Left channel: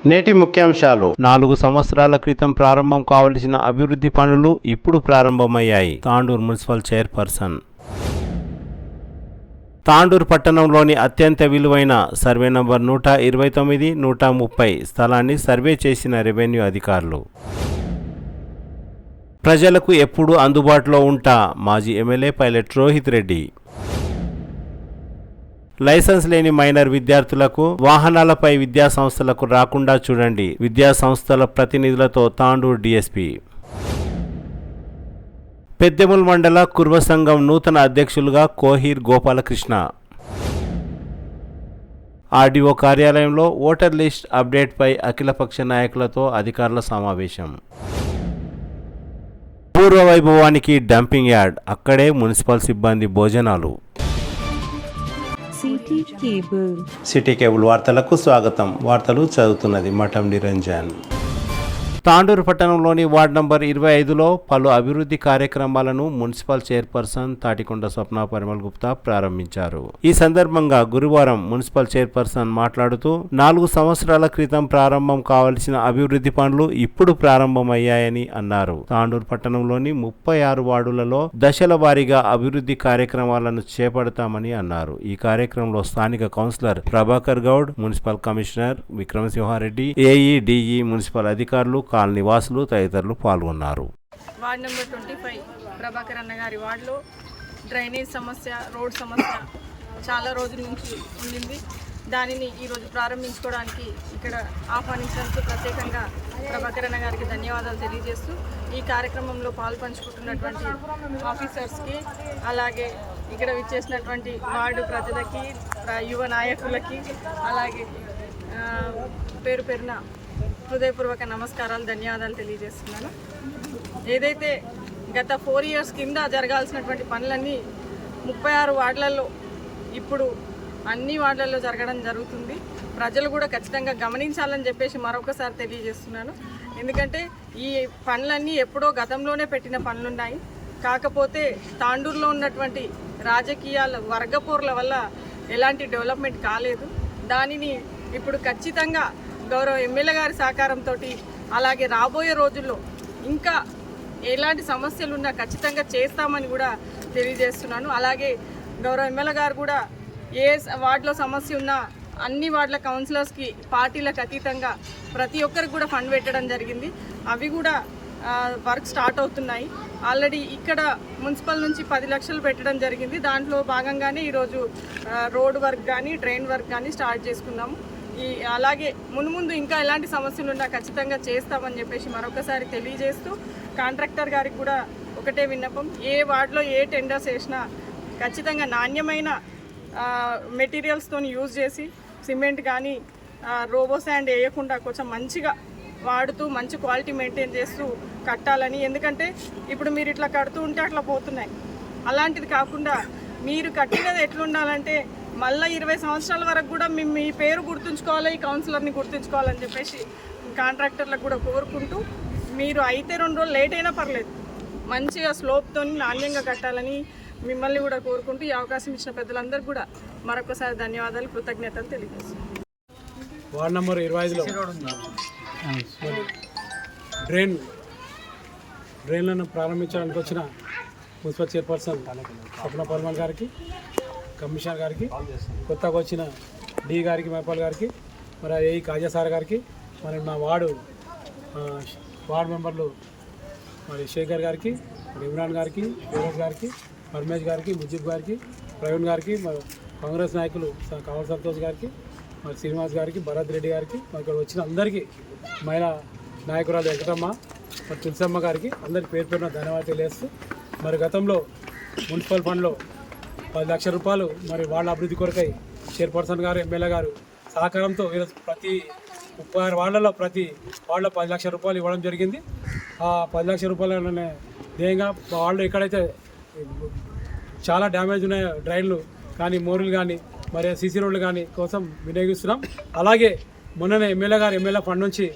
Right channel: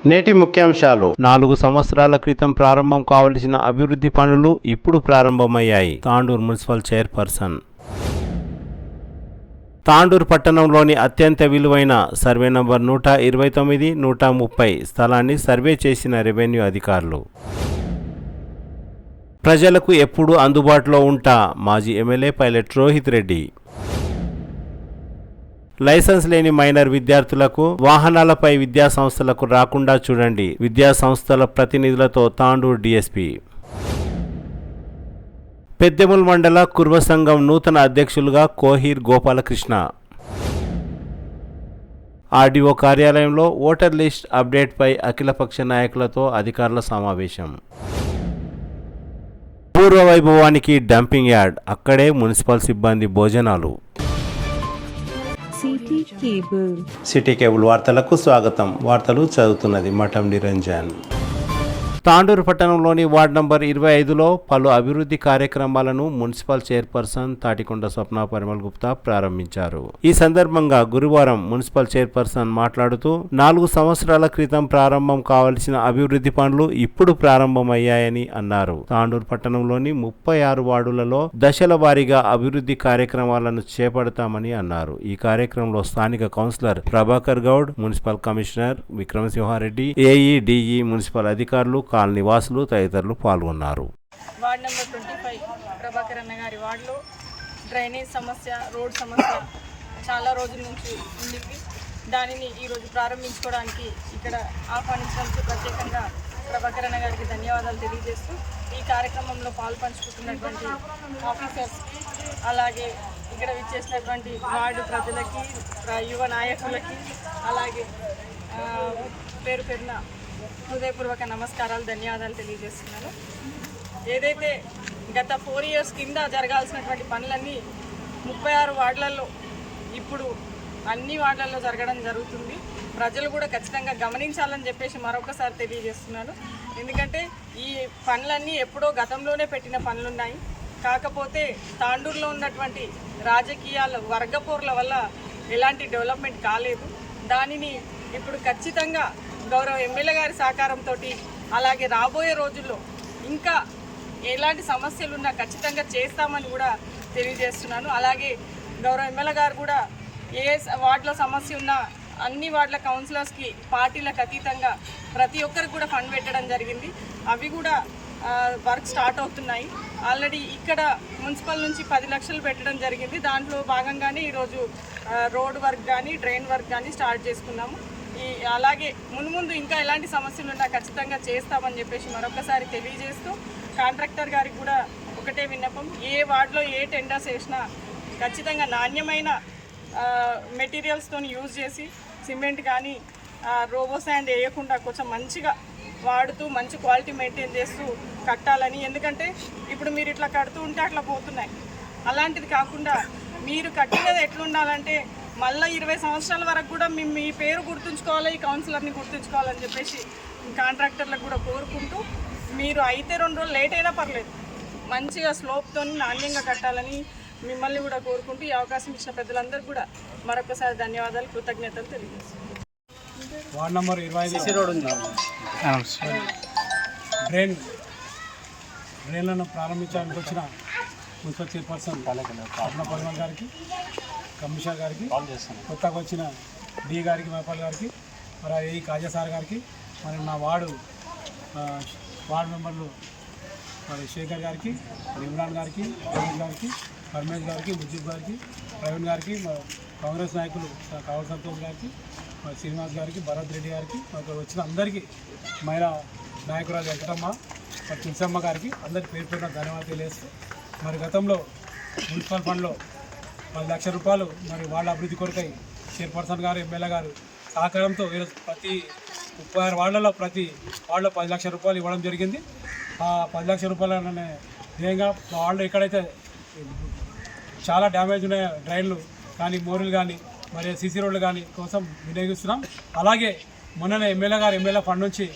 నేటి ముఖ్యాంశాలు. 4 సంవత్సరాల క్రితం ప్రారంభం కావలసిన అభివృద్ధి పనులు ఇప్పుడు ప్రారంభమయ్యాయి. Tandur municipal chairperson. తాండూరు పట్టణంలోని అత్యంత విలువైన సర్వే నంబర్ 129, 130 స్థలాన్ని సర్వే చేసిన రెవెన్యూ అధికారులు. ప్రజలకు ఎప్పుడూ అందుబాటులో ఉంటా మాజీ MLA pilot Rohit Reddy. Licence లేని మైనర్ విద్యార్థులకు వాహనాలపై విద్యా సంస్థలకు రాకుండా చూడండి. విద్యా సంస్థల ప్రతినిధులతో తాండూరు డీఎస్పీ. పెద్దెముల్ మండల కుర్వ సంఘం నూతన అధ్యక్షులుగా కోహీర్ గోపాలకృష్ణ. ఆర్డీఓ కార్యాలయంలో ఓటర్ లిస్ట్ అప్డేట్పై అఖిలపక్ష నాయకులతో అధికారుల సమావేశం. పూర్వ వైభవానికి డంపింగ్ యార్డ్, అక్కడే మున్సిపల్ సిబ్బంది భోజనాలు. సిటీ కేబుల్ వార్తలకు స్వాగతం. వార్తలు చదువుతున్నది మఠం నిరంజన్. తాండూరు పట్టణంలోని వార్డు నంబర్ 25లో పలు అభివృద్ధి కార్యక్రమాలను మున్సిపల్ చైర్పర్సన్ తాటికొండ స్వప్న పరిమళ్ గుప్తా ప్రారంభించారు. ఈ సందర్భంగా గురువారం మున్సిపల్ చైర్పర్సన్ మాట్లాడుతూ 4 సంవత్సరాల క్రితం ప్రారంభం కావలసిన అభివృద్ధి పనులు ఇప్పుడు ప్రారంభమయ్యాయని అన్నారు. తాండూరు పట్టణంలోని 36 వార్డులలో దశల వారీగా అభివృద్ధి కార్యక్రమాలను చేపడతామని అన్నారు. ఈ కార్యక్రమంలో స్థానిక councillor Prabhakar Goud, municipal commissioner Vikramasimhareddy, AE, DE, municipal అధికారులు, కాలనీ వాసులు తదితరులు పాల్గొన్నారు. వార్డ్ నెంబర్ 25 ప్రభాకర్ అన్న గారి వార్డులో డ్రైనేజ్ సమస్య, రోడ్ సమస్య చాలా రోజుల నుంచి ఉండింది. దానిని ఈరోజు ప్రారంభించుకోవడానికి ఇక్కడ ఆహ్వానించినందుకు ప్రత్యేకంగా ప్రభాకర్ అన్న గారికి ధన్యవాదాలు తెలియజేస్తూ ఈ కార్యక్రమంలో పాల్పంచుకుంటున్నటువంటి ఆఫీసర్స్కి, అలాగే ఇక్కడ విచ్చేసినటువంటి వార్డు ప్రజలకి, యువ నాయకులకి, అలాగే పేరు పేరున హృదయపూర్వక నమస్కారాలు, ధన్యవాదాలు తెలియజేస్తున్నాను. ఏదైతే గత 4 years కింద జరగాల్సినటువంటి పనులన్నీ 36 వార్డులలో ఇప్పుడు అన్ని వార్డులలో జరగడం జరుగుతుంది. ప్రజలు కూడా ఖచ్చితంగా గమనించాలని చెప్పేసి మరొకసారి తెలియజేస్తున్నాను. ఎందుకంటే ఈ పనులన్నీ ఎప్పుడో గతంలోనే పెట్టిన పనులున్నాయి. కాకపోతే తాండూరులో ఉన్నటువంటి రాజకీయాల వర్గపోర్ల వల్ల ఎలాంటి డెవలప్మెంట్ కాలేదు. దానిని ఇప్పుడు ఖచ్చితంగా గౌరవ ఎమ్మెల్యే గారి సహకారంతో, అలాగే రాబోయే రోజుల్లో ఇంకా ఎలాంటి సమస్యలు ఉన్నా ఖచ్చితంగా చేస్తామని కూడా తెలియజేస్తున్నాను. అలాగే గౌరవ ఎమ్మెల్యే గారు కూడా ఏ వార్డులో సమస్య ఉన్నా అన్ని వార్డుల కౌన్సిలర్స్కి పార్టీలకు అతీతంగా ప్రతి ఒక్కరికి కూడా ఫండ్ పెట్టడం జరిగింది. అవి కూడా వర్క్ స్టార్ట్ అవుతున్నాయి. ఆల్రెడీ ఇక్కడ మున్సిపల్ నుంచి 10 లక్షలు పెట్టడం జరిగింది. దాంట్లో భాగంగానే ఈరోజు రోడ్ వర్క్ కానీ, డ్రైన్ వర్క్ కానీ స్టార్ట్ చేసుకున్నాము. అలాగే మున్ముందు ఇంకా ఎలాంటి సమస్యలు ఉన్నా ఖచ్చితంగా చేస్తామని చెప్పేసి మరొకసారి తెలియజేస్తూ, కాంట్రాక్టర్ గారికి కూడా ఒకటే విన్నపం, ఏ వార్డులో ఏ టెండర్స్ వేసినా ఖచ్చితంగా నాణ్యమైన మెటీరియల్స్తో యూజ్ చేసి సిమెంట్ కానీ రోబో శాండ్ వేయకుండా కొంచెం మంచిగా వాడుతూ మంచి క్వాలిటీ మెయింటైన్ చేస్తూ కట్టాలని. ఎందుకంటే ఇప్పుడు మీరు ఇట్లా కడుతూ ఉంటే అట్లా పోతున్నాయి. అలాంటిది కాకుండా మీరు కట్టినది ఎట్లుండాలంటే మళ్ళీ 20 సంవత్సరాల వరకు కూడా మీ పేరు గుర్తుంచుకోవాలి, ఈ కౌన్సిలర్ని గుర్తుంచుకోవాలని చెప్పేసి కాంట్రాక్టర్లకు కూడా కోరుకుంటూ, మీరు అయితే 2 రోజులు లేట్ అయినా పర్లేదు, మంచిగా స్లోప్తో నాణ్యంగా కట్టాలని మిమ్మల్ని కూడా కోరుకుంటూ ఈ అవకాశం ఇచ్చిన పెద్దలందరూ కూడా మరొకసారి ధన్యవాదాలు, కృతజ్ఞతలు తెలియజేస్తాను. వార్డ్ నెంబర్ 25 డ్రైన్లను ప్రారంభించడానికి వచ్చిన మున్సిపల్ చైర్పర్సన్ స్వప్న పరిమళ్ గారికి, కమిషనర్ గారికి, కొత్తగా వచ్చిన డి గారికి, మైపాల్ గారికి, మరి ఏఈ కాజా సార్ గారికి, మరి మా వార్డు మెంబర్లు మరి శేఖర్ గారికి, మరి ఇమ్రాన్ గారికి, జగన్ గారికి, పరమేష్ గారికి, ముజీబ్ గారికి, ప్రవీణ్ గారికి, మరి కాంగ్రెస్ నాయకులు కావల్ సంతోష్ గారికి, మరి శ్రీనివాస్ గారికి, భరత్ రెడ్డి గారికి, ఇక్కడ వచ్చిన అందరికీ, మహిళా నాయకురాలు వెంకటమ్మ, మరి తులసమ్మ గారికి అందరికీ పేరు పేరున ధన్యవాదాలు తెలియజేస్తూ, మరి గతంలో మున్సిపల్ ఫండ్లో 10 లక్షల రూపాయలు మరి వాళ్ళ అభివృద్ధి కొరకై చైర్పర్సన్ గారు, ఎమ్మెల్యే గారు సహకారంతో ఈరోజు ప్రతి 36 వార్డులలో ప్రతి వార్డులో 10 లక్షల రూపాయలు ఇవ్వడం జరిగింది. ఆ 10 లక్షల రూపాయలనే ధ్యేయంగా వాళ్ళు ఎక్కడైతే చాలా డ్యామేజ్ ఉన్నాయో డ్రైన్లు కానీ, మోరీలు కానీ, మరి సీసీ రోడ్లు కానీ కోసం వినియోగిస్తున్నాం. అలాగే మొన్ననే ఎమ్మెల్యే ఫండ్ నుంచి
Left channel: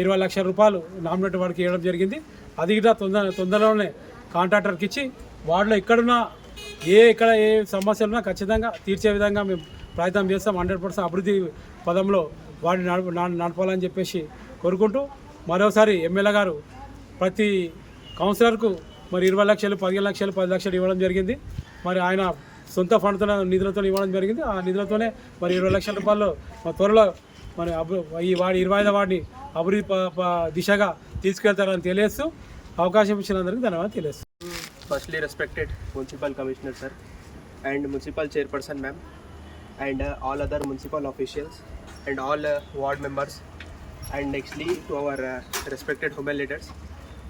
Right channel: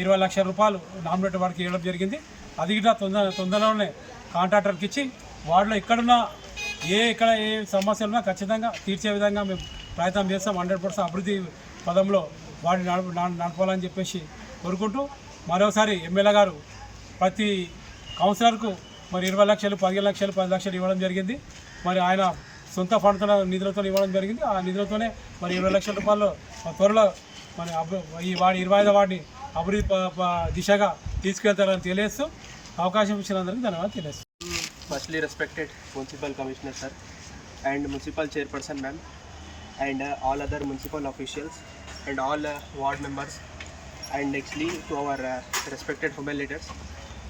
20 లక్షల రూపాయలు నామినేటెడ్ వాడికి ఇవ్వడం జరిగింది. అది కూడా తొందరలోనే కాంట్రాక్టర్కి ఇచ్చి వార్డులో ఎక్కడున్నా ఇక్కడ ఏ సమస్యలు ఉన్నా ఖచ్చితంగా తీర్చే విధంగా మేము ప్రయత్నం చేస్తాం. 100% అభివృద్ధి పదంలో వాడిని నడపాలని చెప్పేసి కోరుకుంటూ మరోసారి ఎమ్మెల్యే గారు ప్రతి కౌన్సిలర్కు మరి 20 లక్షలు 15 లక్షలు 10 లక్షలు ఇవ్వడం జరిగింది. మరి ఆయన సొంత ఫండ్తో నిధులతో ఇవ్వడం జరిగింది. ఆ నిధులతోనే మరి 20 లక్షల రూపాయలు త్వరలో మరి ఈ 25వ వార్డుని అభివృద్ధి దిశగా తీసుకెళ్తారని తెలియజేస్తూ అవకాశం ఇచ్చినందుకు ధన్యవాదాలు తెలియజేస్తాను. Firstly, respected Municipal Commissioner sir and Municipal Chairperson ma'am and all other municipal officials and all ward members and nextly to our respected women leaders.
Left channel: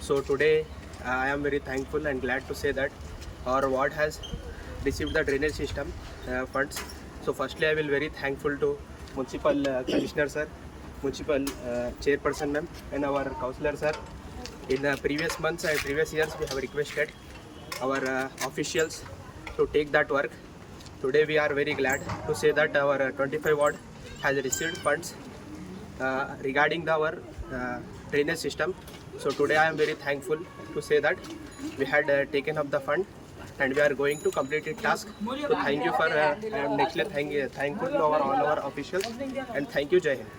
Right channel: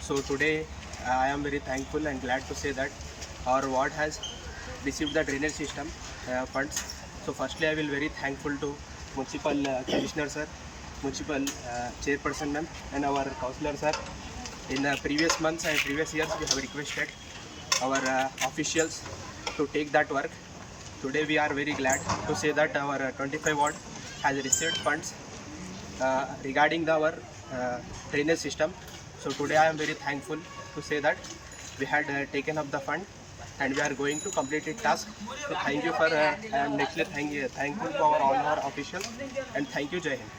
So today I am very thankful and glad to say that our ward has received the drainage system funds. So firstly I will very thankful to Municipal Commissioner sir, Municipal Chairperson ma'am and our councillor sir. In previous months and previous years we have requested our officials to take that work. Today we are very glad to say that our 25 ward has received funds regarding our drainage system. So today I am very thankful to say that we had taken up the fund and we are going to complete the task. So thank you for I am nextly thankful to all our officials and thank you. Jai Hind.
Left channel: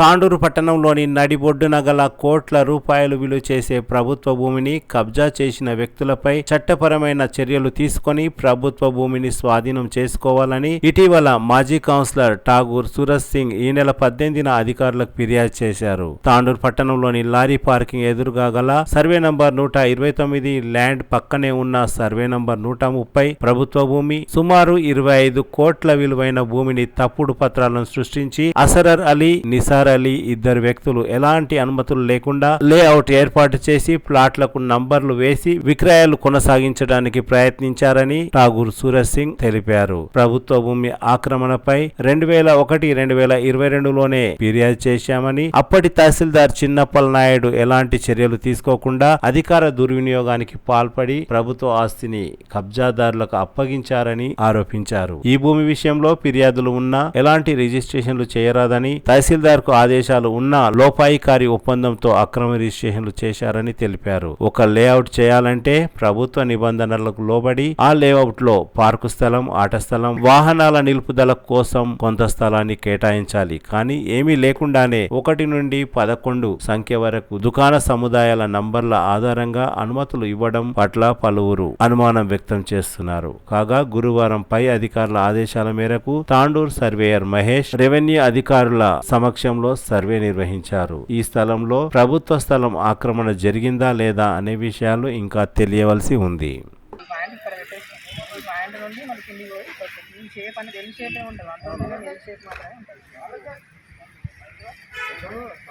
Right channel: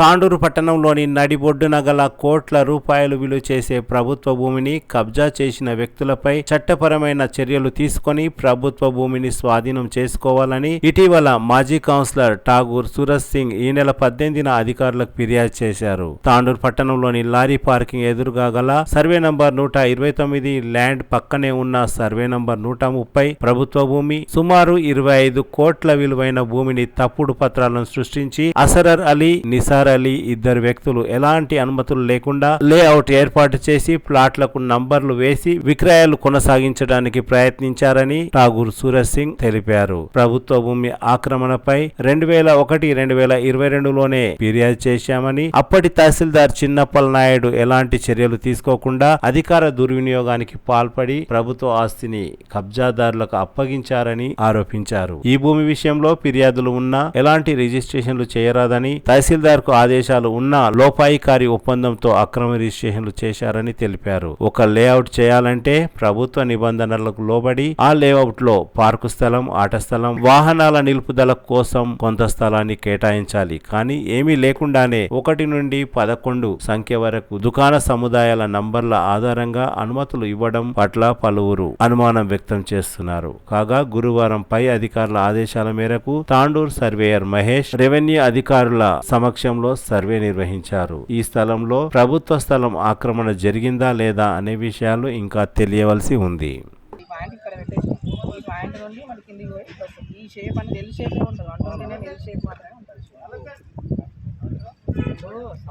Tandur పట్టణంలోని నడిబొడ్డున గల కోట్ల రూపాయలు విలువ చేసే ప్రభుత్వ భూమిని కబ్జా చేసిన వ్యక్తులపై చట్టపరమైన చర్యలు తీసుకొని ప్రభుత్వ భూమిని స్వాధీనం చేసుకోవాలని ఇటీవల మాజీ కౌన్సిలర్ ఠాగూర్ సూరజ్ సింగ్ ఈ నెల 18న అధికారులకు ఫిర్యాదు చేశారు. తాండూరు పట్టణంలోని లారీ పార్కింగ్ ఎదురుగా గల సర్వే నంబర్ 129 ల్యాండ్ పక్కనే ఉన్న సర్వే నంబర్ 130 ప్రభుత్వ భూమి సుమారు 25 కోట్ల విలువైన భూమిని తప్పుడు పత్రాలను సృష్టించి అసరర్ అలీ, నిసార్ అలీ ఇద్దరు వ్యక్తులు ఎలాంటి అనుమతులు లేకుండా లేఅవుట్ ఏర్పాటు చేసి ప్లాట్లకు నంబర్లు వేసి విక్రయాలు కొనసాగించడానికి ప్రయత్నించారని ఠాగూర్ సూరజ్ సింగ్ తెలిపారు. ప్రభుత్వ భూమి ఆక్రమణపై 2001-2022లోనే ఫిర్యాదు చేశామని అప్పటి తహసీల్దార్ చిన్నప్పల నాయుడు ఎలాంటి చర్యలు తీసుకోకుండా అధికార దుర్వినియోగానికి పాల్పడి ప్రభుత్వ ఆస్తిని కబ్జాదారులకు అప్పగించారని ఆరోపించారు. ఈ భూమి విషయంలో ఫిర్యాదులు ఉన్నా ఎలాంటి రిజిస్ట్రేషన్లు చేయరాదని తహసీల్దార్ ఆదేశాలు ఉన్న లోపాయికారి ఒప్పందంతో అక్రమ రిజిస్ట్రేషన్లు చేశారని తెలిపారు. ఒక లేఅవుట్ చేయాలంటే ప్రభుత్వ నిబంధనలకు లోబడి ఆ లేఅవుట్ లో పార్కు స్థలం, ఆట స్థలం, వాహనాల నిలుపుదల కోసం కొంత స్థలాన్ని కేటాయించాలి. కానీ ఏమీ లేకుండానే 1 నుండి 11 సంఖ్య వరకు దుకాణ సముదాయాల నంబర్ల ఆధారంగా అనుమతులు ఇవ్వడం పట్ల పలువురు అనుమానం వ్యక్తం చేస్తున్నారు. కాగా గురువారం పై అధికారుల ఆదేశాల మేరకు తాండూర్ సర్వేయర్ మహేష్ రెవెన్యూ అధికారుల సమక్షంలో సర్వే నిర్వహించారు. ఈ స్థలంలో ప్రభుత్వ స్థలం ఆక్రమణ జరిగిందా లేదా అనే విషయాలు ఇంకా తెలియవలసి ఉంది.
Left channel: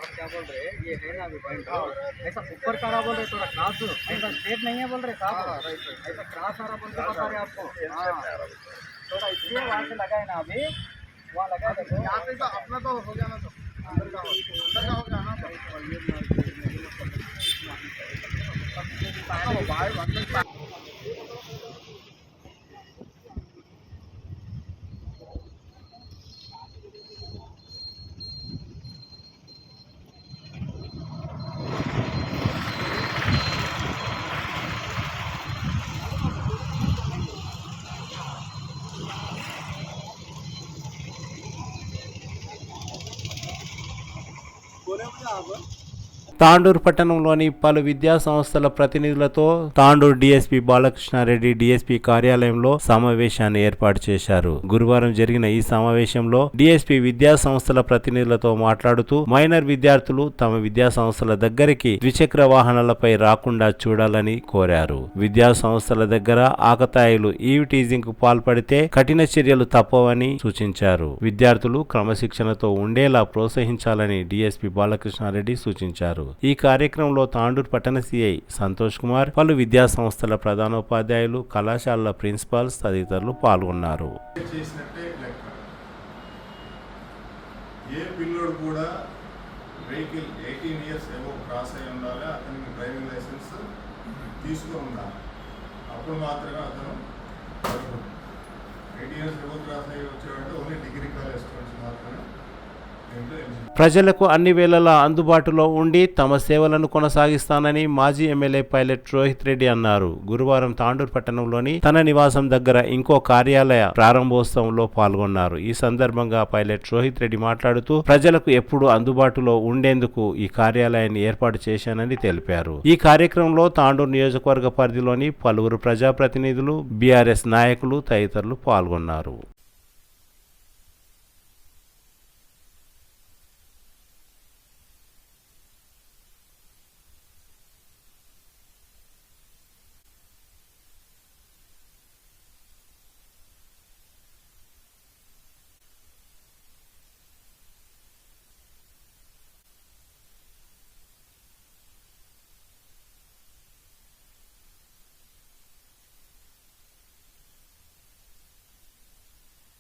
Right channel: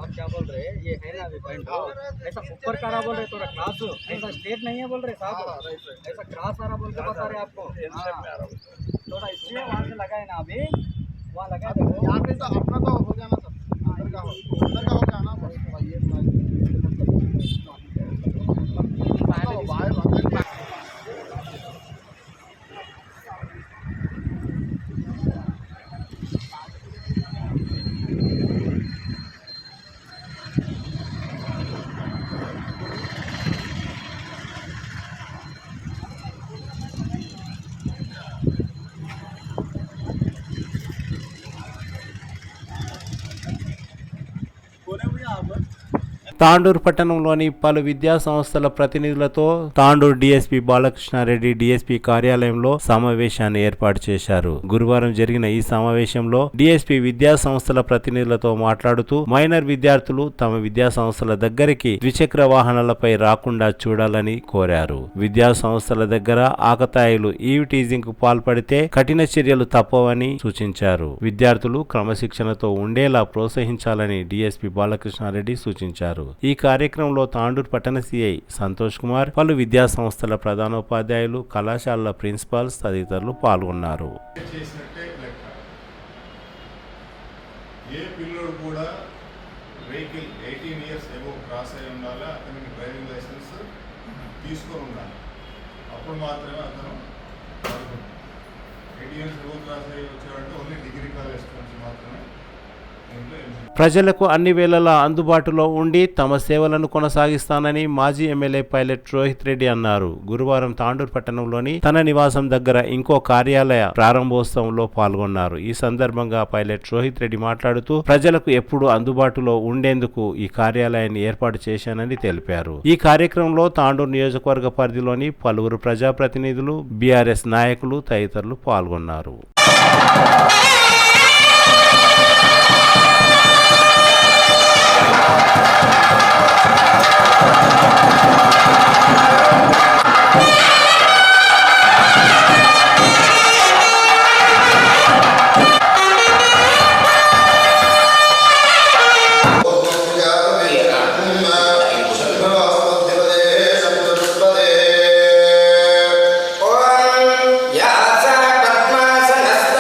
आप क्या बोल रहे हैं ये है ना अभी पॉइंट ऐसा ऊपर का बोल रहे थोड़ा क्रॉस ऐसा स्ट्रेट नहीं है बोल रहे साहब ऐसा क्रॉस वाला बोल के बता रहे आपको थोड़ा इसलिए वहाँ से लगाए ना अभी वहाँ लगा देखो यहाँ पे तो अपना तो हो गया ना सब अंदर का हो गया ना తాండూరు పట్టణంలోని పలు విద్యా సంస్థల ప్రతినిధులతో తాండూరు డీఎస్పీ బాలకృష్ణారెడ్డి డీఎస్పీ కార్యాలయంలో సమావేశాన్ని ఏర్పాటు చేశారు. గురువారం జరిగిన ఈ సమావేశంలో డీఎస్పీ విద్యా సంస్థల ప్రతినిధులతో మాట్లాడుతూ మైనర్ విద్యార్థులు తమ విద్యా సంస్థల దగ్గరికి ద్విచక్ర వాహనాలపై రాకుండా చూడాలని కోరారు. విద్యా సంస్థల దగ్గర ఆకతాయిలు ఈవ్ టీజింగ్ కు పాల్పడితే కఠిన చర్యలు తప్పవని సూచించారు. విద్యార్థులు క్రమశిక్షణతో ఉండేలా ప్రోత్సహించాలని డీఎస్పీ బాలకృష్ణారెడ్డి సూచించారు. ఈ కార్యక్రమంలో తాండూరు పట్టణ సిఐ సంతోష్ కుమార్, పలు విద్యా సంస్థల ప్రధానోపాధ్యాయులు, కళాశాలల ప్రిన్సిపాల్స్ తదితరులు పాల్గొన్నారు. ఏ పిల్లోడు కూడా వెహికల్ 18 ఇయర్స్ ఏవో క్రాస్ అయి ఉండాలి, అతనికి డ్రైవింగ్ లైసెన్స్ తీసుకొని ఉండాలి. అప్పుడు మాత్రమే అతను 18 ఇయర్స్ ఏవో క్రాస్ అయ్యి వచ్చాడంటే ఓన్లీ డిగ్రీ కాలేజ్ నుంచి మాత్రమే ప్రజలకు అన్ని వేళలా అందుబాటులో ఉండి తమ సేవలను కొనసాగిస్తానని మాజీ ఎమ్మెల్యే పైలట్ రోహిత్ రెడ్డి అన్నారు. గురువారం తాండూరు పట్టణంలోని తన నివాసం దగ్గర ఇంకో కార్యాలయ ప్రారంభోత్సవంలో పాల్గొన్నారు. ఈ సందర్భంగా పైలట్ రోహిత్ రెడ్డి మాట్లాడుతూ ప్రజలకు ఎప్పుడూ అందుబాటులో ఉండేందుకు ఈ కార్యాలయాన్ని ఏర్పాటు చేశానని తెలిపారు. ఈ కార్యక్రమంలో తాండూరు నియోజకవర్గ పరిధిలోని పలువురు ప్రజాప్రతినిధులు, బీఆర్ఎస్ నాయకులు తదితరులు పాల్గొన్నారు. या सा पद्मासनस्थ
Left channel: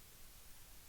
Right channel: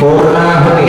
पूर्णाहुति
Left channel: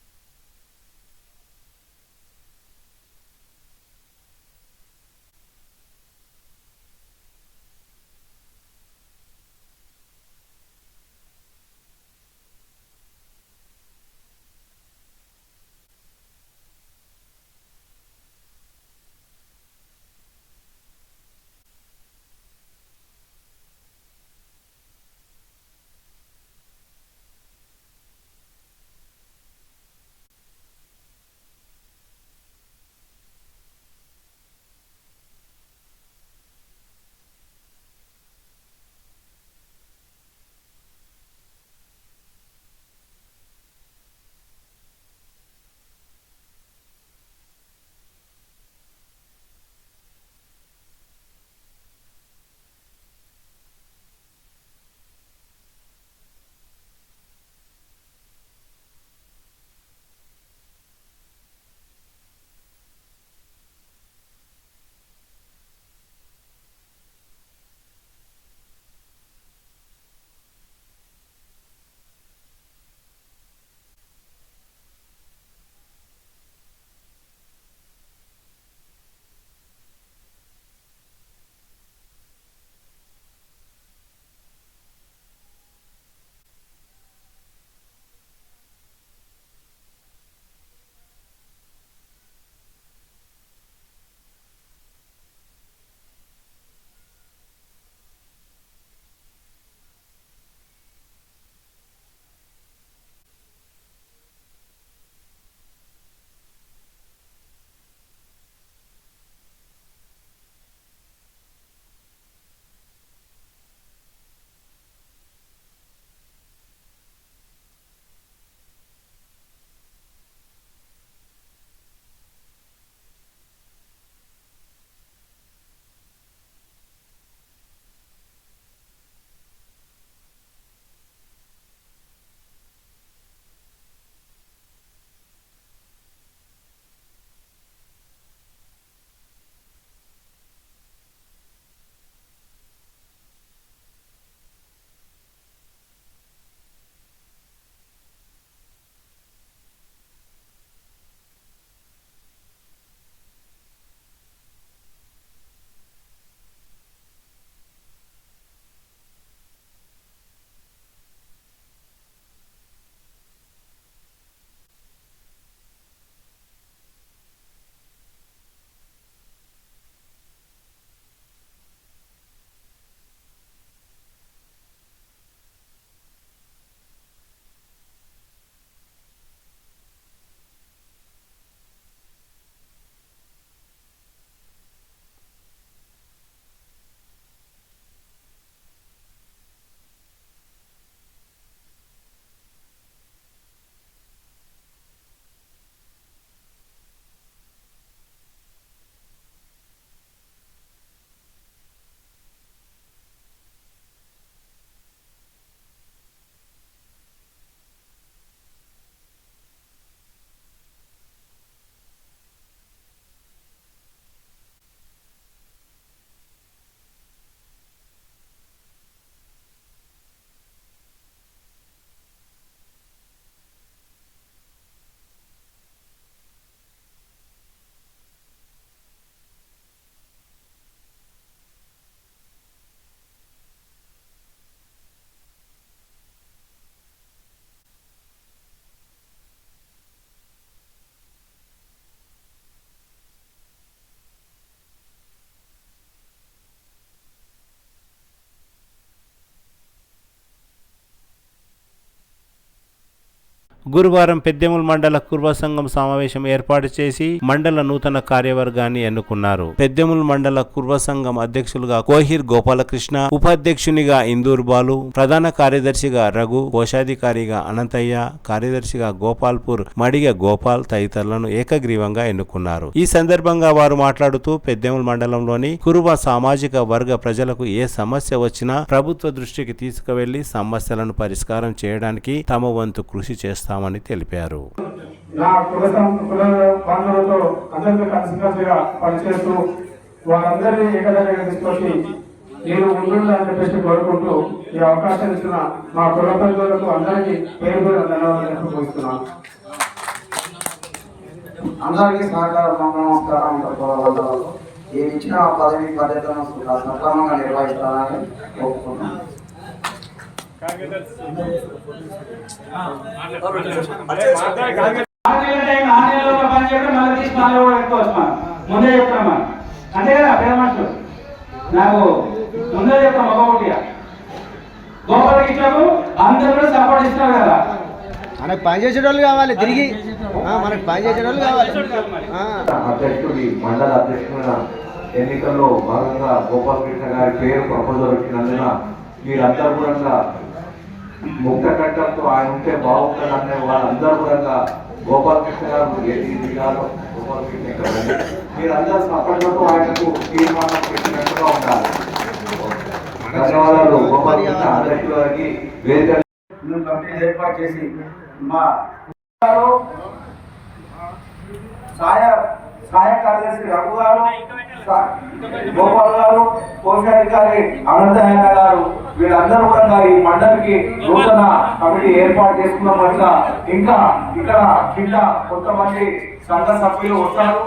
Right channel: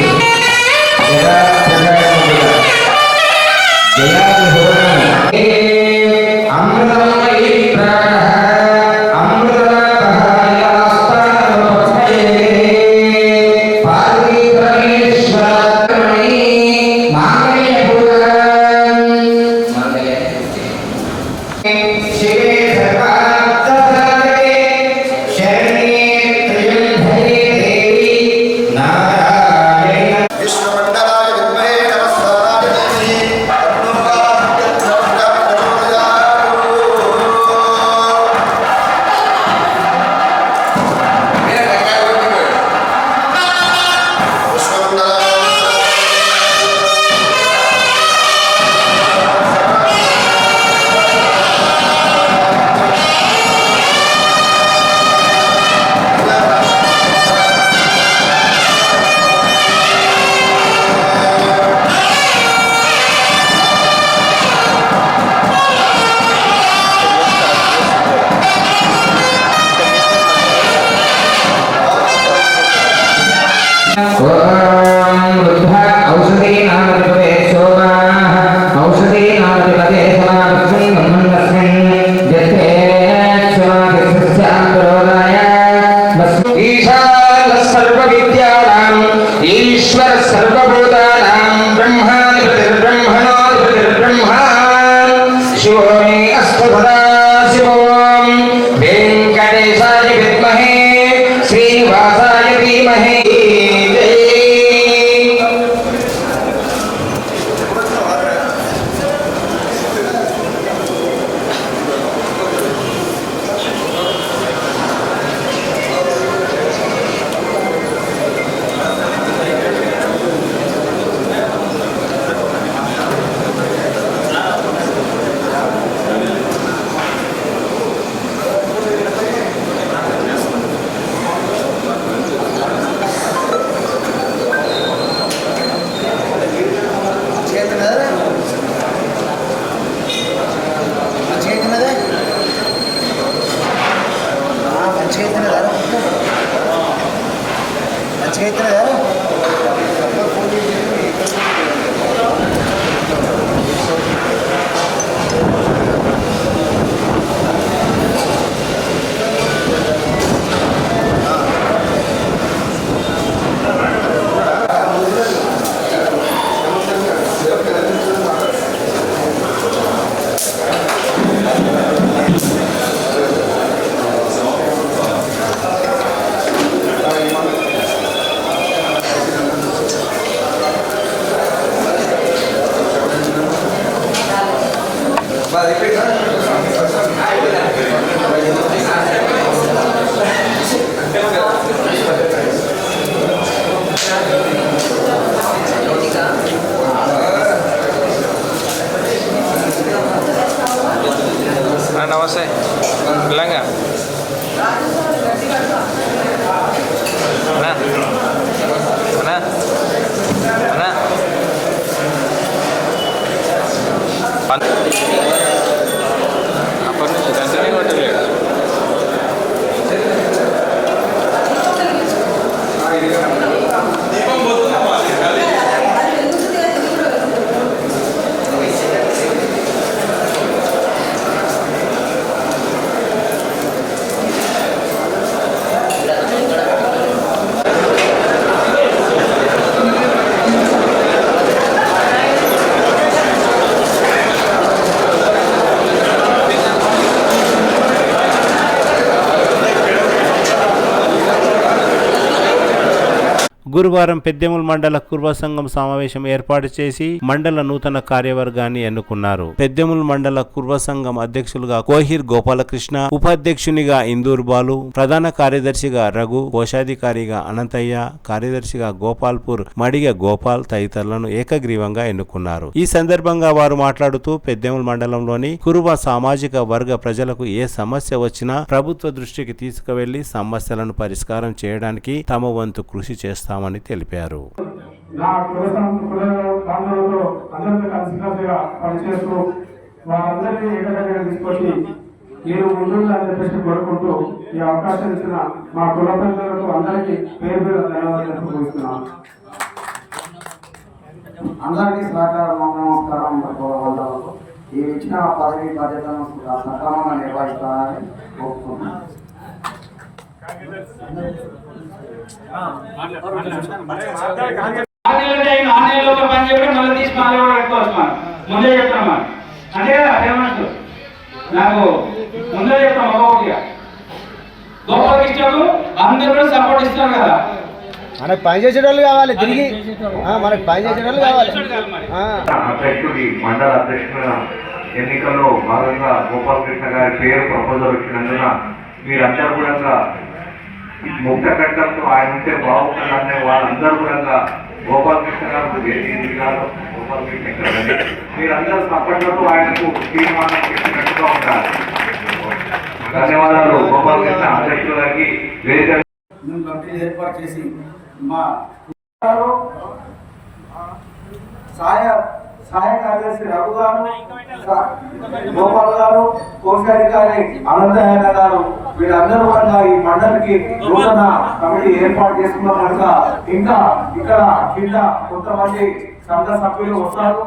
ఓం వృద్ధ ఔషధీ నామధిపతే శోభాః ఔషధీ నామధిపతే సమాపస్మిన్ మన్మన్నస్మిన్ జతే క్షమాభిస్యాం ఈశాన సర్వ విద్యానాం ఈశ్వర సర్వభూతానాం బ్రహ్మాధిపతిర్బ్రహ్మణోధిపతిర్బ్రహ్మా శివో మే అస్తు సదా శివోం వెంకటేశాయ విద్మహే శ్రీనివాసాయ ధీమహి. నమస్తే తెలంగా అన్నా అన్నా అన్నా అప్పటి నుంచి గంటనే కొట్టలేదు. గురువారం పెద్దెముల్ మండల కుర్వ సంఘం సమావేశం ఏర్పాటు చేసి మండల నూతన కార్యవర్గాన్ని ఎన్నుకున్నారు. పెద్దెముల్ మండల కుర్వ సంఘం అధ్యక్షులుగా కోహిర్ గోపాలకృష్ణ, ఉపాధ్యక్షునిగా ఇందూర్ బాలు, ప్రధాన కార్యదర్శిగా రఘు, కోశాధికారిగా అనంతయ్య, కార్యదర్శిగా గోపాల్పూర్ మడిగ గోపాల్ తదితరులను ఏకగ్రీవంగా ఎన్నుకున్నారు. ఈ సందర్భంగా వారు మాట్లాడుతూ పెద్దెముల్ మండలంలోని కురువ సామాజిక వర్గ ప్రజలకు ఏ సమస్య వచ్చినా ప్రభుత్వ దృష్టికి తీసుకువెళ్లి సమస్యలను పరిష్కారం చేయడానికి తమ వంతు కృషి చేస్తామని తెలిపారు. నా బంధువులతో అందరితో కలిసికట్టుగా పనిచేస్తూ వారందరినీ ఏకదగ్గర తీసుకొచ్చి నేను ముందుండాలని చెప్పేసి కోరుకుంటూ ఈ అవకాశం ఇచ్చిన మా కులపెద్దలకు అందరికీ పేరు ధన్యవాదాలు తెలుపుతున్నాను. అందరికీ నమస్కారం. ఈ ఇచ్చిన పదవి బాధ్యతను సక్రమంగా నిర్వహిస్తానని కోరుకుంటున్నాను. ఆన్లైన్లో పని చేయడం మళ్ళీ తీసి మళ్ళీ కూడా పెట్టుకోవచ్చు. మనం ముందే చెప్తాం మనం అంతే కదా. ఫేమస్ నాకు ముందే చెప్తాం ఒక్కొక్కటిగా. గొప్ప ఇచ్చినప్పుడు అందరూ కూడా సపోర్ట్ ఇస్తున్నారు కదా. మనకు పని చేసే వాళ్ళు కావాలి, తిరిగి మనకు పని చేసే వాళ్ళు కావాలి. అధ్యక్షుడి మండల అధ్యక్షుడిగా ఎన్నికల్లో భాగంగా గోపాలకృష్ణ గారి పేరు ప్రపోజల్ వచ్చినందున మీరందరూ కూడా ముక్త కట్టంతో ఆయన ఉంటే బాగుంటుందనే వాళ్ళందరూ కూడా గోపాలకృష్ణ గారు గోపాలకృష్ణ గారు మీరందరూ సపోర్ట్లతో ఆయనకు తీర్మానం పెట్టినట్టుగా ఉండాలి. ధన్యవాదాలు గోపాలకృష్ణ అధ్యక్షుల గారికి. వేదిక ఏర్పాటు చేసి మా సహాయ కార్యదర్శి రఘు గారు, గోపాల్ గారు, కోశాధికారి అనంతమైన గారు, వీళ్ళందరూ కూడా ఈ మండలికి నూతన కమిటీ ఏర్పాటు చేసుకున్న కనుక ఇంకా ఇక్కడ కింద కొంతమంది సంఘ సభ్యులు వస్తారు.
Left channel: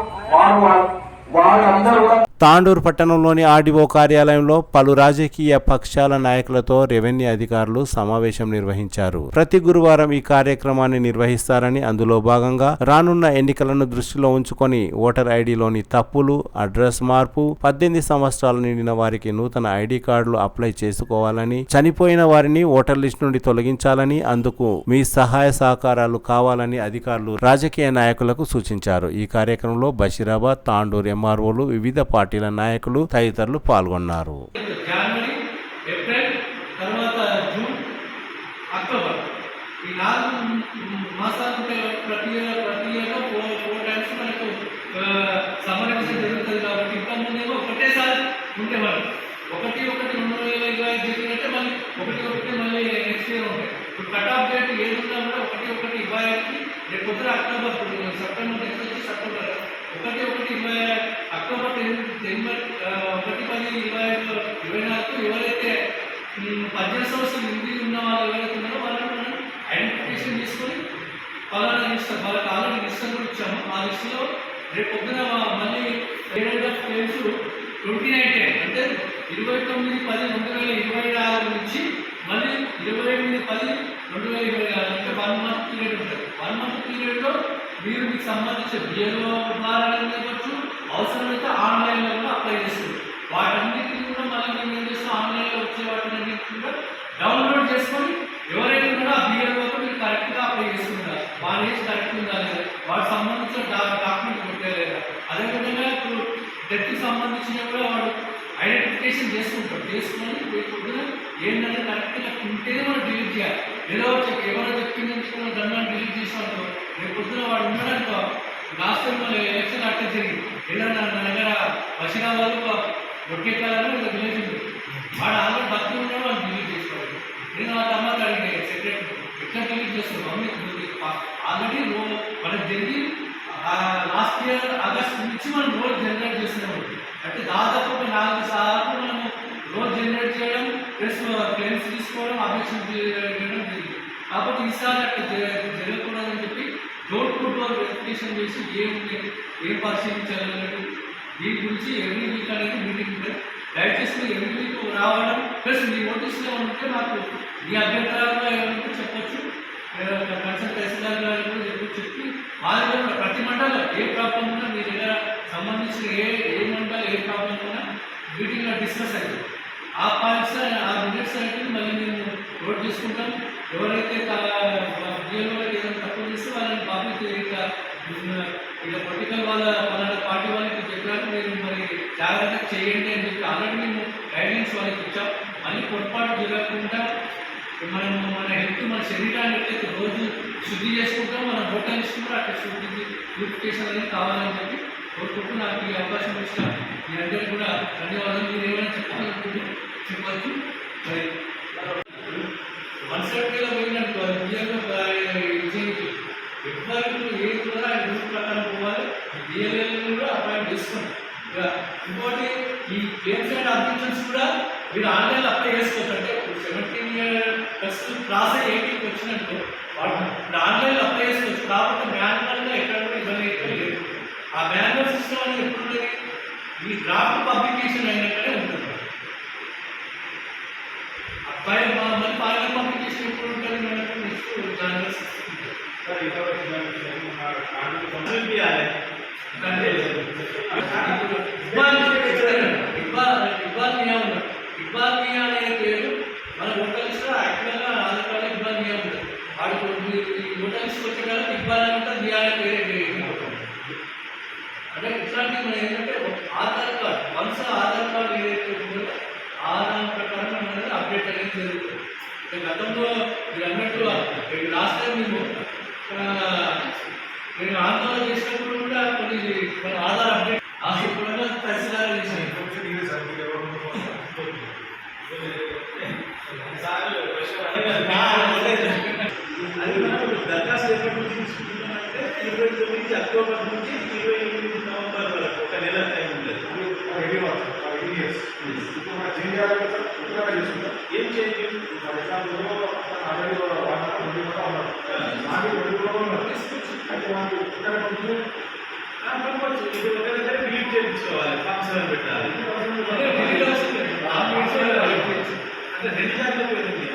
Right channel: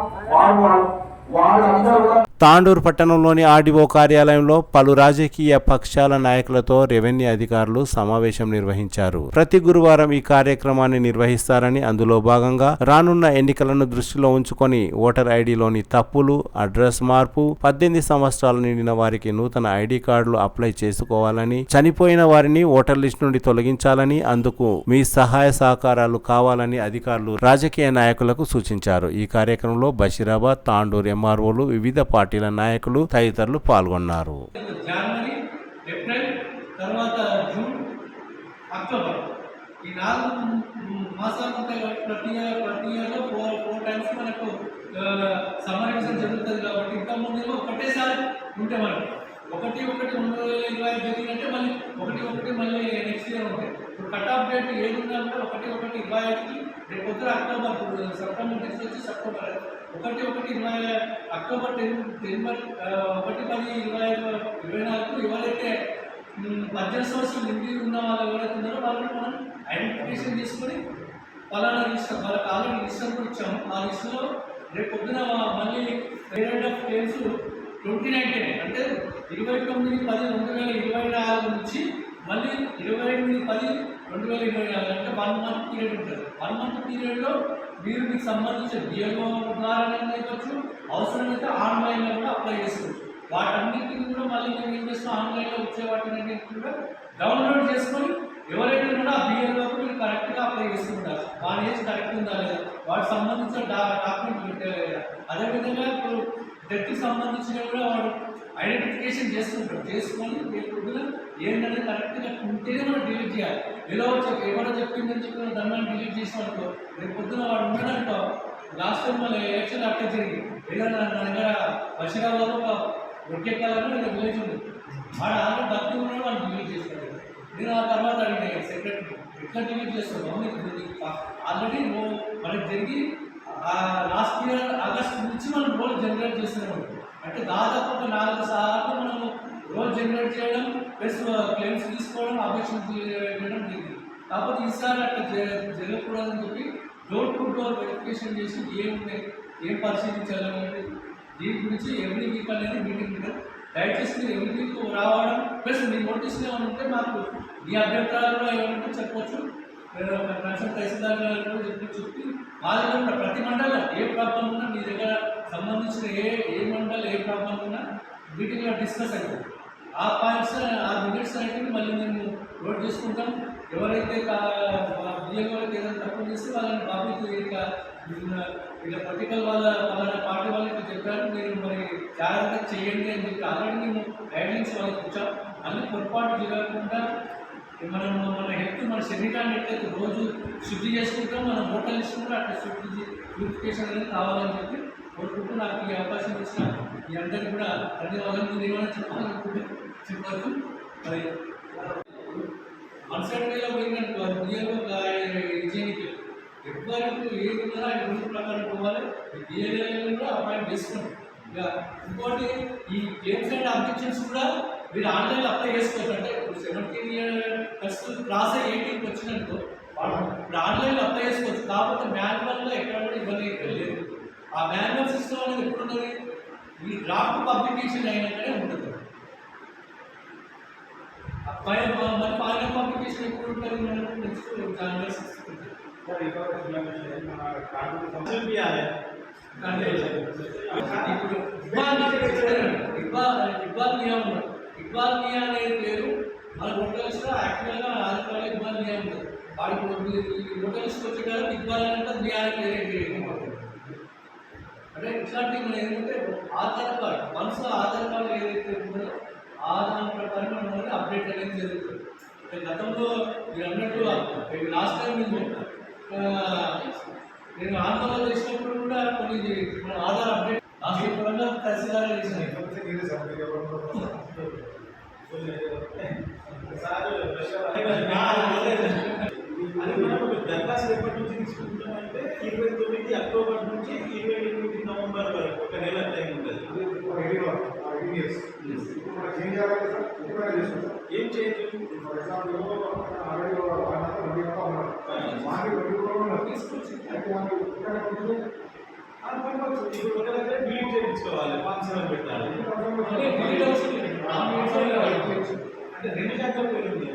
వాళ్ళందరూ కూడా తాండూరు పట్టణంలోని ఆర్డీఓ కార్యాలయంలో పలు రాజకీయ పక్షాల నాయకులతో రెవెన్యూ అధికారులు సమావేశం నిర్వహించారు. ప్రతి గురువారం ఈ కార్యక్రమాన్ని నిర్వహిస్తారని, అందులో భాగంగా రానున్న ఎన్నికలను దృష్టిలో ఉంచుకొని ఓటర్ ఐడిలోని తప్పులు, అడ్రస్ మార్పు, 18 సంవత్సరాలు నిండిన వారికి నూతన ఐడి కార్డులు అప్లై చేసుకోవాలని, చనిపోయిన వారిని ఓటర్ లిస్ట్ నుండి తొలగించాలని, అందుకు మీ సహాయ సహకారాలు కావాలని అధికారులు రాజకీయ నాయకులకు సూచించారు. ఈ కార్యక్రమంలో బషీరాబాద్, తాండూరు ఎంఆర్ఓలు, వివిధ పార్టీల నాయకులు తదితరులు పాల్గొన్నారు. జనవరి, ఏప్రిల్, తర్వాత జూన్, అక్టోబర్ ఈ 4 మాసాలు ఉంటాయి. ప్రతి ఇయర్లో 4 టైమ్స్ మనకు సమ్మర్ ఎలక్షన్ జరుగుతుంది కాబట్టి ఇంతకుముందేమో ఒకటేసారి ఉండేవాళ్ళు. 1/1/2025 జరిగినట్టే మళ్ళీ 1/1 మళ్ళీ నెక్స్ట్ ఇయర్ ఉంటాయి. ఇప్పుడు కట్ ఆఫ్ డేట్ ఏది ఉన్నా కూడా 1/1/25 రేపు పొద్దున అక్టోబర్, సెప్టెంబర్ నెక్స్ట్ వచ్చి సెప్టెంబర్ 1/1/20 అక్టోబర్ 10/10/2024 ఎవరైతే 18 సంవత్సరాలు నిండి ఉన్న వాళ్ళు ఎవరైతే ఉన్నారో వాళ్ళని మనం ఐడెంటిఫికేషన్ చేసుకొని పలానా రిజిస్టర్ వాళ్ళకి ఆల్రెడీ రిజిస్టర్ కూడా ఇచ్చాము. ఆ లిస్టులో రేపు పొద్దున మళ్ళీ రేట్ ఆఫ్ క్లెయిమ్స్ 29 అంటే 29/10/2026 నుంచి మళ్ళీ 28/10/2026 అంటే 1 మంత్ పీరియడ్ ఉంటుంది. 1 మంత్ పీరియడ్లో మీరు మీకు సంబంధించిన బిఎల్ఓ ద్వారా ఇవ్వచ్చు, అవసరమైతే ఆన్లైన్లో కూడా అప్లై చేస్తుంది. వాటన్నిటిని కూడా మళ్ళీ మేము ఏం చేస్తాం, ఆన్లైన్లో వచ్చే వాటిని కూడా డౌన్లోడ్ చేసుకొని ఎవరైతే కూడా ఆ బిఎల్ఓకి మీరు కరెక్ట్గా అప్లై చేసుకుంటారు. వాళ్ళ ఏజ్ కరెక్ట్ ఉందా లేదా, వాటికి సంబంధించిన డాక్యుమెంట్ పెట్టారు లేదా, అదేవిధంగా ఇప్పుడు డెత్కి సంబంధించిన కూడా వాడు ఐడెంటిఫికేషన్ చేసుకుంటారు. చేసుకొని పొద్దున ఏంటంటే కరెక్ట్గా ఉంటేనే మనం డిలీట్ చేయాలి. ఎవరో చెప్పిందని మనం దాన్ని డిలీట్ చేసామనుకో రేపు పొద్దున వాడు ఉండడానికి లాస్ట్ టైం మన ఎలక్షన్ అట్టే జరిగింది. ఏదైనా నా దగ్గర బషీరాబాద్లో ఒకేకాలని ఒక విలేజ్ ఉంది, వాడు ఆల్రెడీ బతికి ఉన్నాడు, వాళ్ళు డిలీట్ చేసుకోవాలి. నేను ఆ తర్వాత అడిగిన సెక్రటరీ ఎట్లా డిలీట్ చేస్తున్నాం, ఆల్రెడీ మనకి జరిగి లాస్ట్ ఇయర్ ఆగస్ట్ నుంచి మనం రోల్ జనరేట్ చేస్తున్నాం. అంటే దాదాపు 4 సార్లు మనం రోల్ జనరేట్ చేయడం ప్లస్ క్లెయిమ్స్ తీసుకోవడం, అబ్జెక్షన్ చేయడం జరిగింది. కాబట్టి ఈసారి అట్లా జరగకూడదని చెప్పి డోర్ టు డోర్ వెరిఫికేషన్ చేసి ఏం పరిశీలించాలనేది దీని గురించి ఎవ్రీ వీక్ అనేది మీటింగ్ ఉంటుంది. దయచేసి ఎవ్రీ వీక్ రావడం ప్లస్ మీ నోటీస్లో ఉంటే మాకు మీ అభ్యంతరాలు ఏమంటే చెప్పొచ్చు, కన్సల్ట్ తహసీల్దార్ గారు కూడా చెప్పి మా దగ్గర ప్రతి మండలం ఏ ప్రాబ్లం ఉన్నా మీ దగ్గర సంబంధించిన ఏ మండలం ఏ ప్రాబ్లం ఉన్నా మీటింగ్లో డిస్కస్ అవుతుంది. ఆ పాయింట్స్ ఆ మినిట్స్ అయితే మళ్ళీ మేము నోట్ చేసుకుంటాం. ఎవరైతే బిఎల్ఓకి ఏదైనా తక్కువ చేస్తే వాళ్ళని బాబు ఇట్లా పొలిటికల్ వాళ్ళ పార్టీ వాళ్ళకి చెప్పారు, మీరు మరి జాగ్రత్తగా చేయండి అని చెప్పి ఆల్రెడీ మేము గైడ్లైన్స్ వాళ్ళకి ఇచ్చాం. అన్ని పొరపాటు జరగకుండా మనం మన హెల్త్ మన శరీరాన్ని ఎట్లయితే రోజు శుద్ధి చేసుకుంటాం, మన హోటల్ లిస్ట్ కూడా అట్లా శుద్ధి ప్యూరిఫికేషన్ అనేది కావాలని చెప్పి కోరుకుంటూ నాకు ఈ అవకాశం ఇచ్చిన మీ అందరికీ కూడా ధన్యవాదాలు. మీరు ఏమైనా చెప్పాలనుకుంటే చెప్పచ్చు. మరి 170 పోయినట్టు బిఎల్ఓ విజయానికి ఎవ్వరికి ఏది కూడా రూల్ ప్రకారం పోవాలి. బిఎల్ఏలను కూడా అపాయింట్ చేసుకోండి. ఇంకోటి ఈ క్లెయిమ్స్ అండ్ అబ్జెక్షన్స్ కూడా మీరు ఆన్లైన్లో అప్లై చేసుకోవచ్చు. అంటే 17 years క్రాస్ 18కి వచ్చినట్టు వాళ్ళు ఆన్లైన్లో అప్లై చేసుకోవచ్చు. కాబట్టి మాన్యువల్గా ఎక్కడ కూడా ఇబ్బంది అయితే లేదు. ఆ మాన్యువల్ సిస్టమ్ అనేది ఎప్పుడు ఉంటుంది, ఈ డ్రాఫ్ట్ పబ్లికేషన్ అయినట్టే ఉంటుంది. మరి ఫైనల్ పబ్లికేషన్ ఎప్పుడు ఉంటుంది మనకు నెక్స్ట్ జనవరి 6 ఇక్బాల్ మియా అనే పేరు మన హోటల్స్లో యాక్చువల్గా ఆధార్ కార్డులో ఇక్బాల్ మియా ఉంటుంది. వాడు ఈ హోటల్స్కి వచ్చే కదా ఇక్బాల్ అంటే మియా అనే పేరే అంటే ఇట్లాంటివి మనం ఏంటంటే Aadhaar card once Aadhaar card ఏదైతే ఉందో ఆ దాని ప్రకారం అనేది అప్డేట్ అనేది జరుగుతుంది. గతంలో మీరు అన్నట్టు లాస్ట్ టైం నేను ఆందోళన చేసినప్పుడు కూడా కొన్ని మన ఆధార్ అప్డేట్ కూడా తహసీల్దార్ చేసినాయి. అది మనం దరఖాస్తు ఎప్పటి నుంచి తీసుకుంటున్నామంటే 29 అక్టోబర్ నుంచి 28 నవంబర్ years. ఇప్పుడు మనం చేంజ్ చేయాలి కదా సార్, ఉత్తరంగా చేసుకుంటాం. ఏం change? For example already 1 month 20 months ఉన్నారు, మాది 20 రోజులు ఉన్నారు. అయితే మనకు ఉత్తరంగా పంపించే పంపచ్చు. ఇప్పుడు ఒక దగ్గర డిలీట్ చేయించుకోవాలి, ఫంక్షన్ పెట్టాలి. అంటే 2 జాగ్రత్తలు పెరిగింది.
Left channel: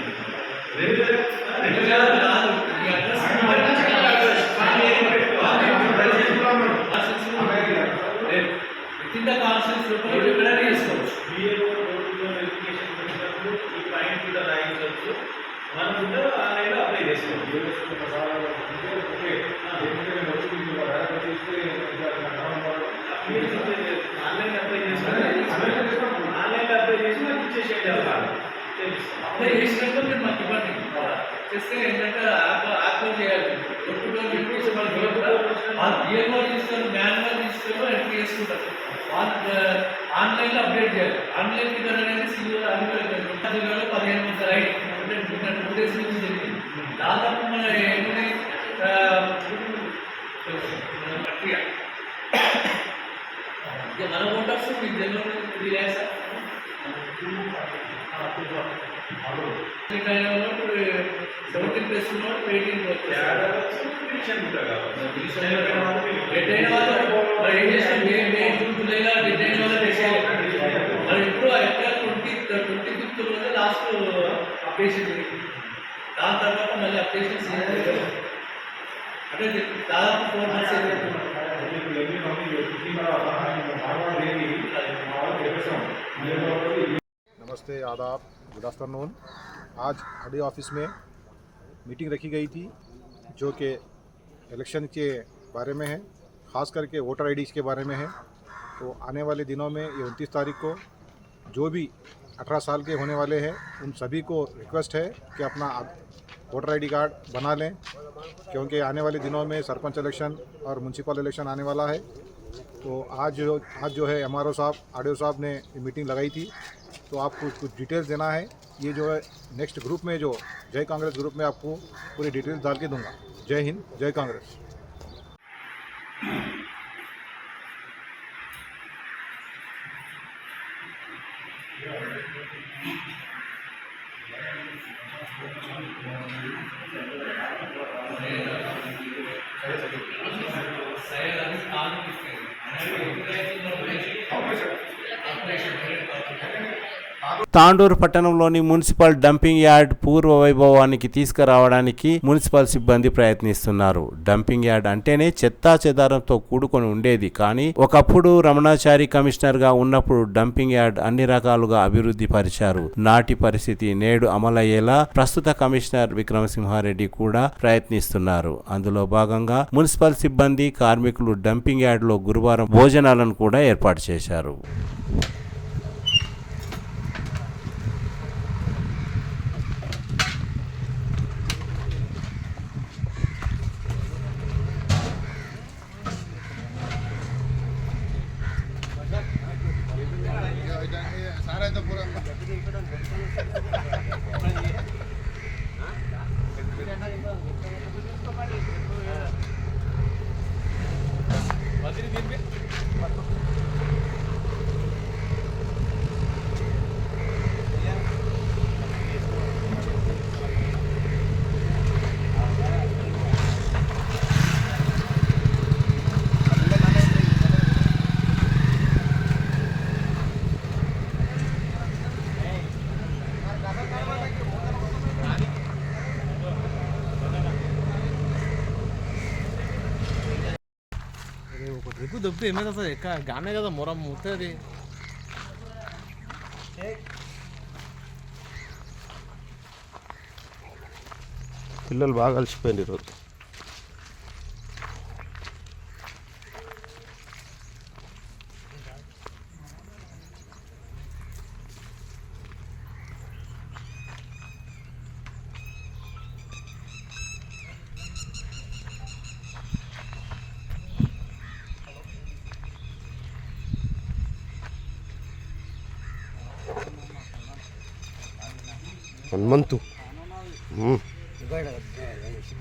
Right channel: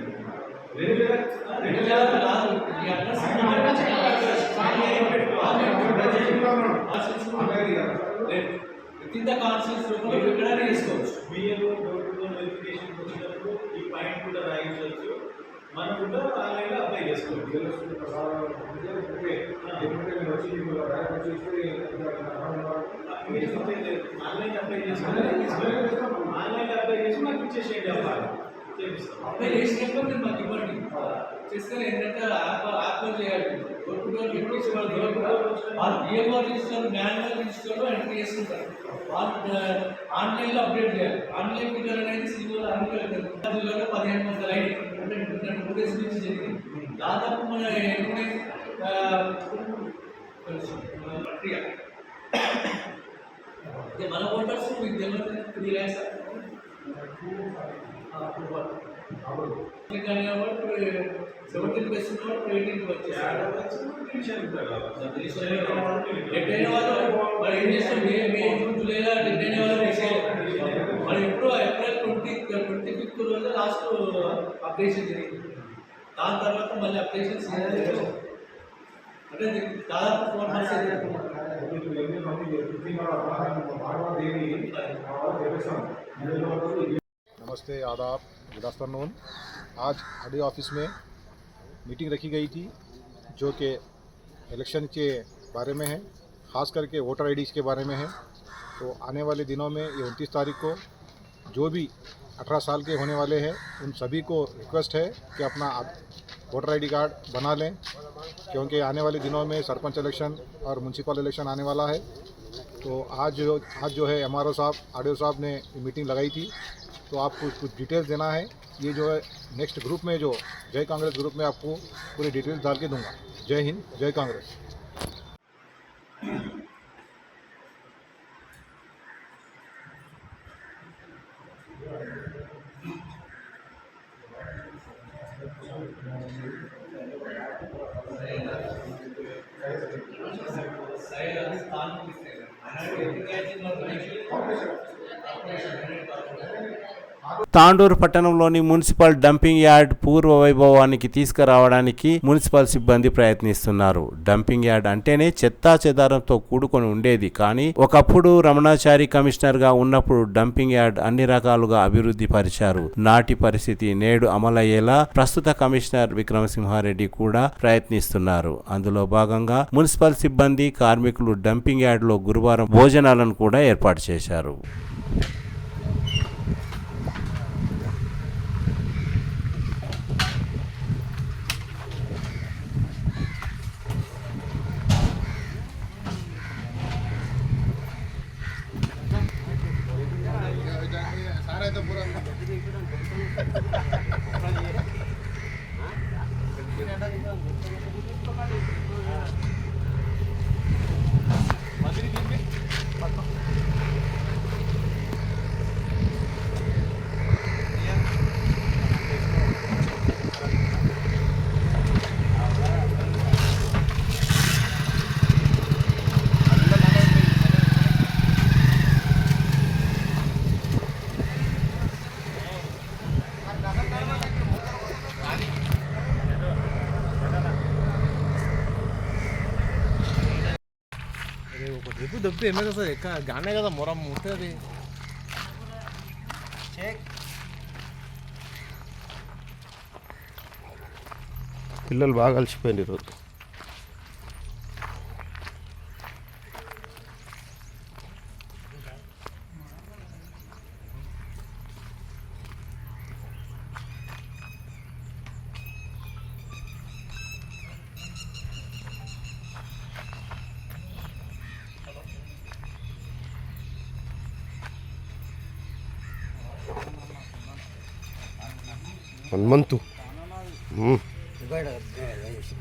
2 జాగ్రత్తలు కాదు, ఈ అడ్రస్ కింద కాన్సెన్స్ ఎక్కడైనా చేసుకోవచ్చు. మీరు వెరిఫికేషన్ పెట్టినప్పుడు ఈ పాయింట్ కూడా రాయించవచ్చు. మనం కూడా ఆన్లైన్లో అప్లై చేసుకోవచ్చు. ఆన్లైన్ అప్లై చేసుకుంటే ఆన్లైన్లో అప్లై చేసి నాకు ఇచ్చేసేయండి. అప్లై చేసినాక మీరు మాకు ఇవ్వండి. చేస్తే ఏంటంటే యాప్లో చేయాలి. వాళ్ళు బిఏఓ ఇస్తారు, మాన్యువల్ ఇస్తారు, ఎంట్రీ చేసుకుంటారు. వాళ్ళు ఆన్లైన్లో అప్డేట్ చేయాలి. ఆన్లైన్ ఫిగర్ అనేది సిఓ అనుకోలేదు 15 ఐడి అంటే 2 days నుంచి జరిగింది. దాదాపు మన ఏంటంటే ప్రక్రియ ఇక మన ఓటర్స్ మీకు తెలియదు 3 lakhs 17 ప్లస్ ఉన్నవాడు 18 వచ్చేసాడు. డెడ్ అయిన వాళ్ళు మరి ఏం చేస్తాం? మే జూన్ జూలైలో డెడ్ అయిన వాళ్ళు మరి ఇప్పుడు ఏప్రిల్ 25th రోజు లాస్ట్ అప్డేషన్ జరిగింది. దాని తర్వాత మళ్ళీ అప్డేషన్స్ అంటే దాదాపు 4 months అయిపోయింది. नमस्ते, आदाब, गुड आफ्टरनून। आज आरडी ऑफिस में मीटिंग रखी गई थी जो कि इलेक्शन के बारे में है, ख़ास करके वोटर आईडीज़ के बारे में है। तो आने वाले दिनों में ये 29 तारीख को जो भी 18 साल के होने वाले हैं उन सभी को रिक्वेस्ट है कि अपना वोटर आईडी कार्ड बना लें, क्योंकि आने वाले दिनों में सरपंच इलेक्शन और म्यूनसिपल इलेक्शन आने वाला है। तो आज जो है MRO साहब, आरडीओ साहब ने मीटिंग लगाई थी, तो आपको कुछ डिटेल्स देना है। ये जो है नेक्स्ट ग्रुप में, जो जय कांग्रेस ग्रुप में आपको पूरी डिटेल्स डाल के दूंगा। जय हिंद, जय कांग्रेस। తాండూరు పట్టణంలోని మున్సిపల్ డంపింగ్ యార్డ్ పూర్వ వైభవానికి తీసుకురావడానికి మున్సిపల్ సిబ్బంది ప్రయత్నిస్తున్నారు. డంపింగ్ యార్డ్ అంటేనే చెత్తా చెదారంతో కూడుకొని ఉండేది, కానీ ఒకప్పుడు రమణాచారి కమిషనర్ గా ఉన్నప్పుడు డంపింగ్ యార్డ్ అన్ని రకాలుగా అభివృద్ధి పరిచారు. నాటి పరిస్థితి నేడు అమలయ్యేలా ప్రస్తుత కమిషనర్ విక్రమసింహారెడ్డి కూడా ప్రయత్నిస్తున్నారు. అందులో భాగంగా మున్సిపల్ సిబ్బంది, కార్మికులు డంపింగ్ యార్డ్ లో గురువారం భోజనాలను కూడా ఏర్పాటు చేశారు. దొబ్బి ఎందుకు వస్తుంది? గానే కదా మొరం ముట్టది. పిల్లలు బాగా కలిసిపోయింది ఈరోజు. హనుమంతు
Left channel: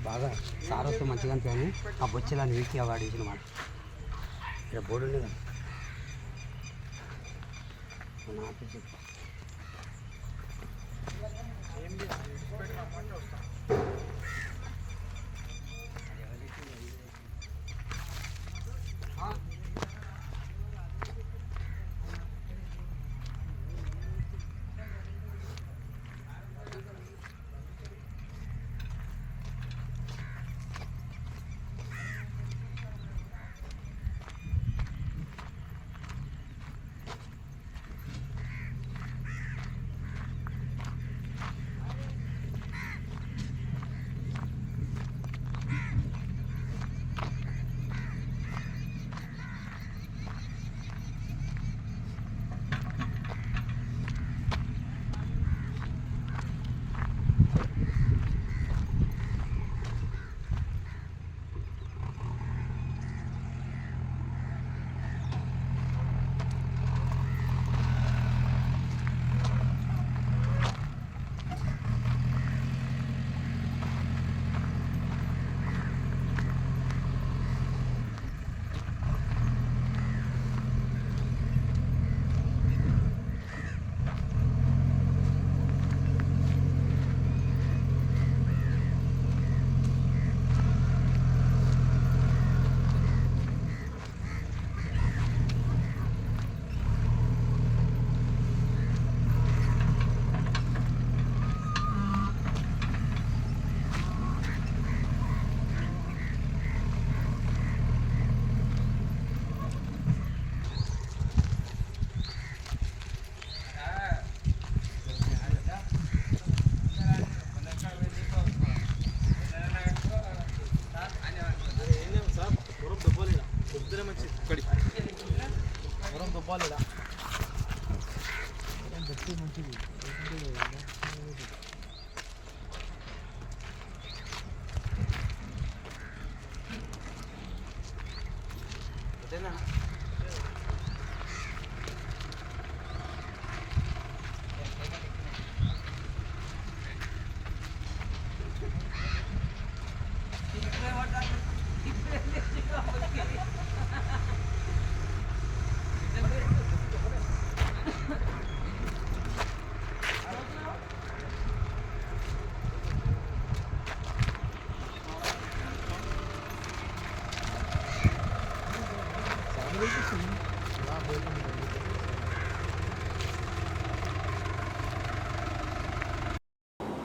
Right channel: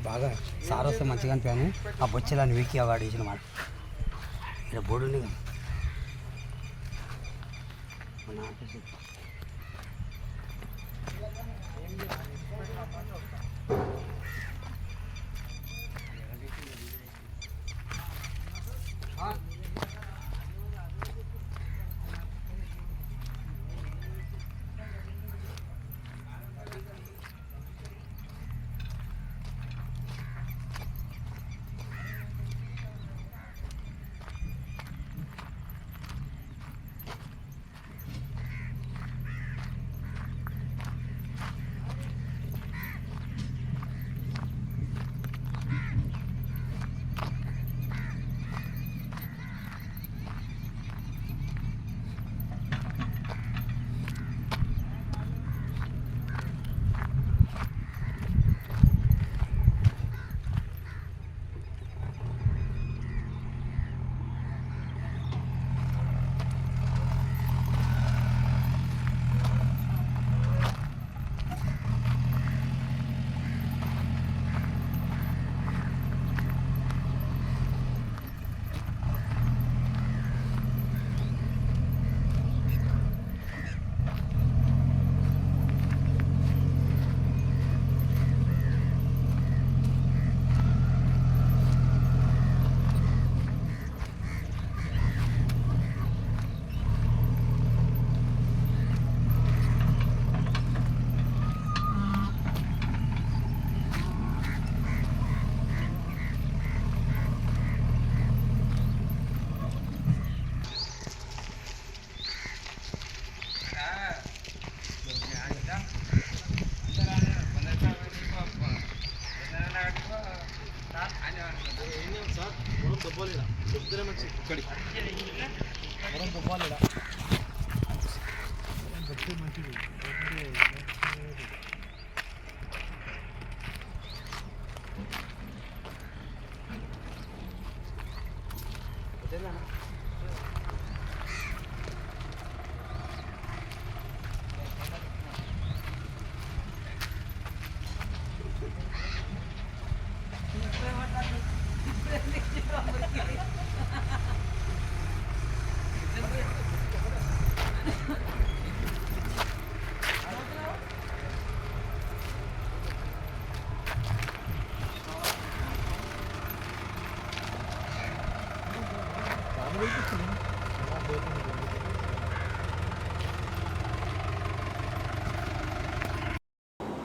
బాగా సార్ వస్తే మంచిగా అనిపాను. ఆ బొచ్చెలాన్ని వీకి అవార్డు ఇచ్చిన మాట ఇక్కడ బోర్డు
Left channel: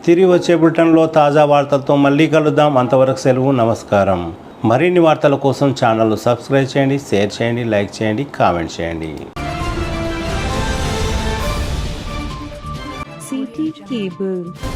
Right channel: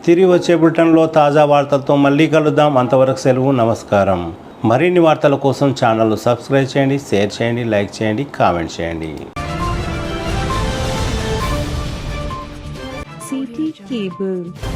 తిరిగి వచ్చే బులెటిన్లో తాజా వార్తలతో మళ్ళీ కలుద్దాం. అంతవరకు సెలవు, నమస్కారం. మరిన్ని వార్తల కోసం ఛానల్ సబ్స్క్రైబ్ చేయండి, షేర్ చేయండి, లైక్ చేయండి, కామెంట్ చేయండి. CT Cable.